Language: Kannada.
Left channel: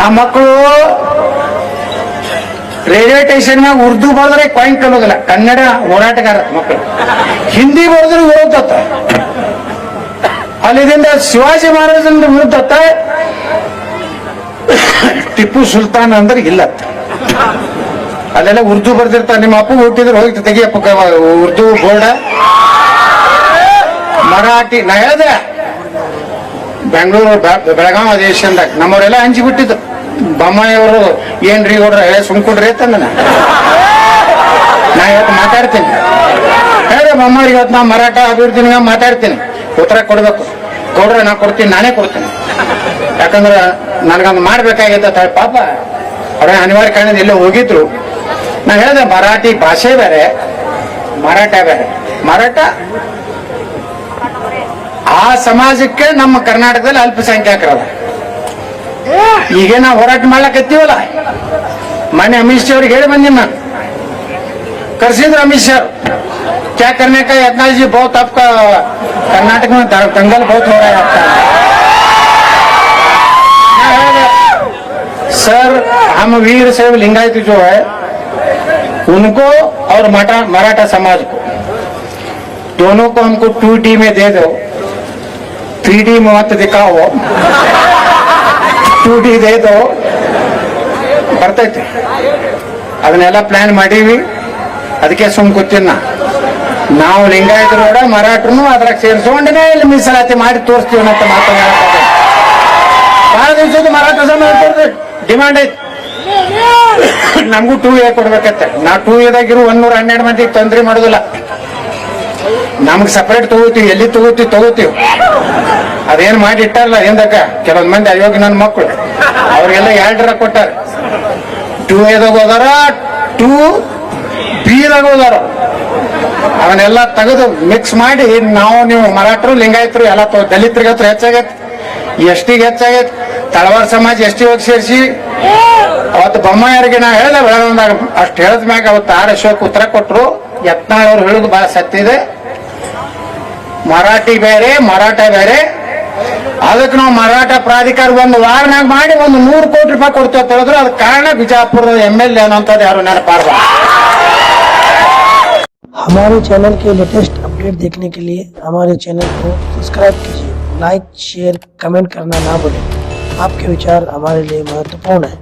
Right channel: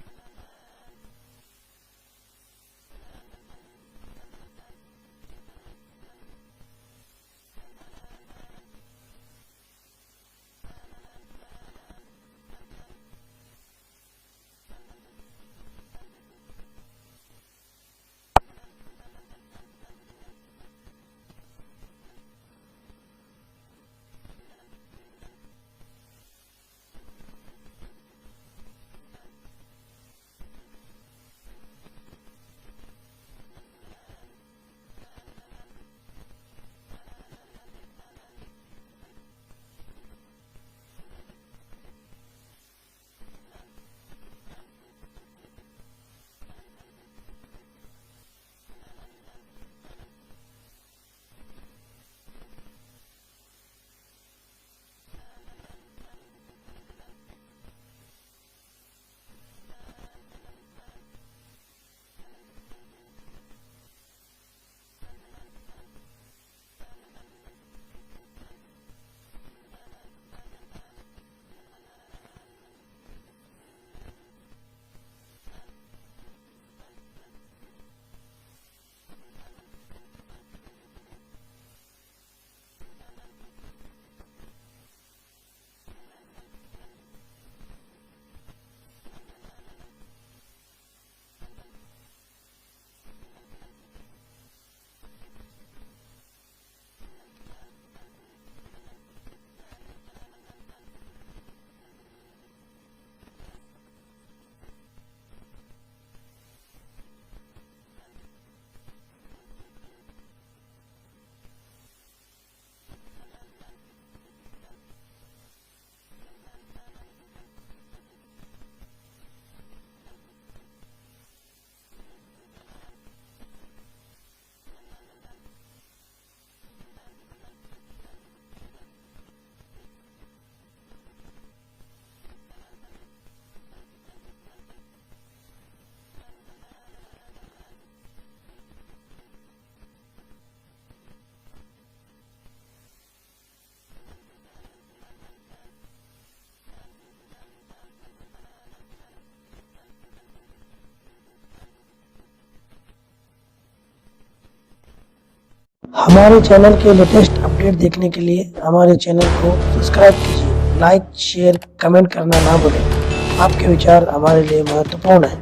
ಆ ಮಕ್ಕಳು ರೈಲ್ವೆ ಸ್ಟೇಷನ್ ಮ್ಯಾಗ ಉರ್ದು ಬರೆದ್ರೆ ಕಾಯಿನ್ ಕಲೋದಿಲ್ಲ, ಕನ್ನಡ ಹೋರಾಟಗಾರ ಮಕ್ಕಳು. ಹಿಂದಿ ಬರೆದ್ರೆ ವಿರೋಧತ್ತ, ಅಲ್ಲಿದಿಂದ ಶಿವಾಜಿ ಮಹಾರಾಜನ ವಿರುದ್ಧತ್ತ, ಟಿಪ್ಪು ಸುಲ್ತಾನ್ ಅಂದ್ರೆ ಇಲ್ಲತ್ತ. ಅಲ್ಲೆಲ್ಲ ಉರ್ದು ಬರ್ದಿರ್ತಾರೆ. ನಿಮ್ಮ ಅಪ್ಪ ಹುಟ್ಟಿದ್ರೆ ಹೋಗಿ ತೆಗಿಯಪ್ಪ ಉರ್ದು ಬೋರ್ಡ, ಮರಾಠಿ. ನಾ ಹೇಳ್ದೆ ಬೆಂಗಳೂರು ಬೆಳಗಾವಿ ಅಧಿವೇಶನದಾಗ ನಮ್ಮವರೆಲ್ಲ ಹಂಚಿ ಬಿಟ್ಟಿದ್ದು. ಬೊಮ್ಮಾಯಿಯವರು ಏನ್ರಿ ಗೌಡ್ರ ಸುಮ್ಕೊಡ್ರಿ ಅಂತಂದ. ನಾ ಇವತ್ತು ಮಾತಾಡ್ತೀನಿ, ಹೇಳ್ರಿ ಬೊಮ್ಮಾಯಿಗೆ ಇವತ್ತು ನಾ ಮರಾಠ ಅಭಿವೃದ್ಧಿ ಮಾತಾಡ್ತೀನಿ, ಉತ್ತರ ಕೊಡ್ಬೇಕು. ಗೌಡ್ರ ನಾ ಕೊಡ್ತೀನಿ, ನಾನೇ ಕೊಡ್ತೀನಿ. ಯಾಕಂದ್ರೆ ನನಗೊಂದು ಮಾಡ್ಬೇಕಾಗಿತ್ತ. ಪಾಪ ಅವ್ರ ಅನಿವಾರ್ಯ ಕಾರಣದಿಂದ ಎಲ್ಲೋ ಹೋಗಿದ್ರು. ನಾ ಹೇಳ್ದೆ ಮರಾಠಿ ಭಾಷೆ ಬೇರೆ, ಮರಾಠ ಬೇರೆ. ಮರಾಠ ಆ ಸಮಾಜಕ್ಕೆ ನಮ್ಮ ಕರ್ನಾಟಕದಲ್ಲಿ ಅಲ್ಪಸಂಖ್ಯಾತರದ. ಈಗ ನಾವು ಹೋರಾಟ ಮಾಡ್ಲಕತ್ತೀವಲ್ಲ, ಮೊನ್ನೆ ಅಮಿತ್ ಶಾ ಅವ್ರಿಗೆ ಹೇಳಿ ಬಂದಿನಿ ನಾನು. ಕರ್ಸಿದ್ರು ಅಮಿತ್ ಶಾ, क्या करने का यत्नाथ जी, बहुत आपका कर्नाटक में दंगल बहुत हो रहा है आपका. सर हम वीर शैव लिंगायत जो है उनको और मराठा समाज को दोनों को हमको 2D में दे दो, 3D में मत दिखाओ, 2D दे दो. ಬರ್ತೈತಿ, ಅದನ್ನೆಲ್ಲ ಪ್ಲಾನ್ ಮಾಡೀವಿ. ಅದಕ್ಕೆ ಸುಮ್ ಕೂತಿನ ನಾವು ಲಿಂಗಾಯತರು ಕೂಡ ಮರಾಠರು ಅದ್ರಾಗ ಸೇರಿಸ್ಕೊಂಡೇ ಇಲ್ಲಿ ಮೀಸಲಾತಿ ಮಾಡಿ ತೋರಿಸ್ತೀವಿ ಅಂತ ಮಾತಾಡ್ತಾರೆ. ಬಹಳ ದಿವಸದ ಮರಾಠ ಸಮಾಜ ಡಿಮಾಂಡ್ ಐತಿ, ನಮಗೂ 2A ಕೊಡ್ಬೇಕತ್ತ. ನಾ 2Aದಾಗಿರು 112 ಮಂದಿಗೆ ತೊಂದ್ರೆ ಮಾಡೋದಿಲ್ಲ. ನಮ್ಗೆ ಸಪರೇಟ್ ತಗೋತೀವಿ, ಎಲ್ಲಿ ತಗೋತೀವಿ. ಅದೇನ್ ಮಾಡಿ ಇಟ್ಟಾರಲ್ಲ ಹಿಂದಕ್ಕ ಕೆಲವೊಂದ್ ಮಂದಿ ಅಯೋಗ್ಯ ನನ್ನ ಮಕ್ಕಳು, ಅವ್ರಿಗೆಲ್ಲ 2 ಕೊಟ್ಟಾರ. 2Aದಾಗ ಹೋದಾರ, 2Bದಾಗ ಹೋದಾರ. ಅವನ್ನೆಲ್ಲ ತೆಗೆದು ಮಿಕ್ಸ್ ಮಾಡಿ ನಾವು ನೀವು ಮರಾಠರು ಲಿಂಗಾಯತರು ಎಲ್ಲ ದಲಿತರಿಗೆ ಹತ್ರ ಹೆಚ್ಚಾಗೈತಿ, ಎಷ್ಟಿಗೆ ಹೆಚ್ಚಾಗೈತಿ. ತಳವಾರ ಸಮಾಜ ಎಷ್ಟಿ ಹೋಗಿ ಸೇರಿಸಿ ಅವತ್ತು ಬೊಮ್ಮಾಯಿಯರಿಗೆ ನಾ ಹೇಳ್ದೆ ಬೆಳಗಾವಿದಾಗ. ಅಷ್ಟು ಹೇಳದ ಮ್ಯಾಗ ಅವತ್ತು ಆರ್ ಅಶೋಕ್ ಉತ್ತರ ಕೊಟ್ರು. ಯತ್ನಾಳ್ ಅವ್ರು ಹೇಳುದು ಬಹಳ ಸತ್ಯ ಇದೆ, ಮರಾಠಿ ಬೇರೆ ಮರಾಠ ಬೇರೆ. ಅದಕ್ಕೆ ನಾವು ಮರಾಠ ಪ್ರಾಧಿಕಾರ ಒಂದು ವಾರನಾಗ ಮಾಡಿ 100 ಕೋಟಿ ರೂಪಾಯಿ ಕೊಡ್ತೇವೆ ಅಂತ ಹೇಳಿದ್ರು. ಅದಕ್ಕೆ ಕಾರಣ ಬಿಜಾಪುರದ MLA ಅನ್ನೋಂಥದ್ದು ಯಾರು ನೆನಪಾರ್ಬ. हमारे चैनल के लेटेस्ट अपडेट देखने के लिए हमारे चैनल को सब्सक्राइब कीजिए, लाइक शेयर कमेंट करना ना भूलें. आपके विचार हमारे लिए महत्वपूर्ण है.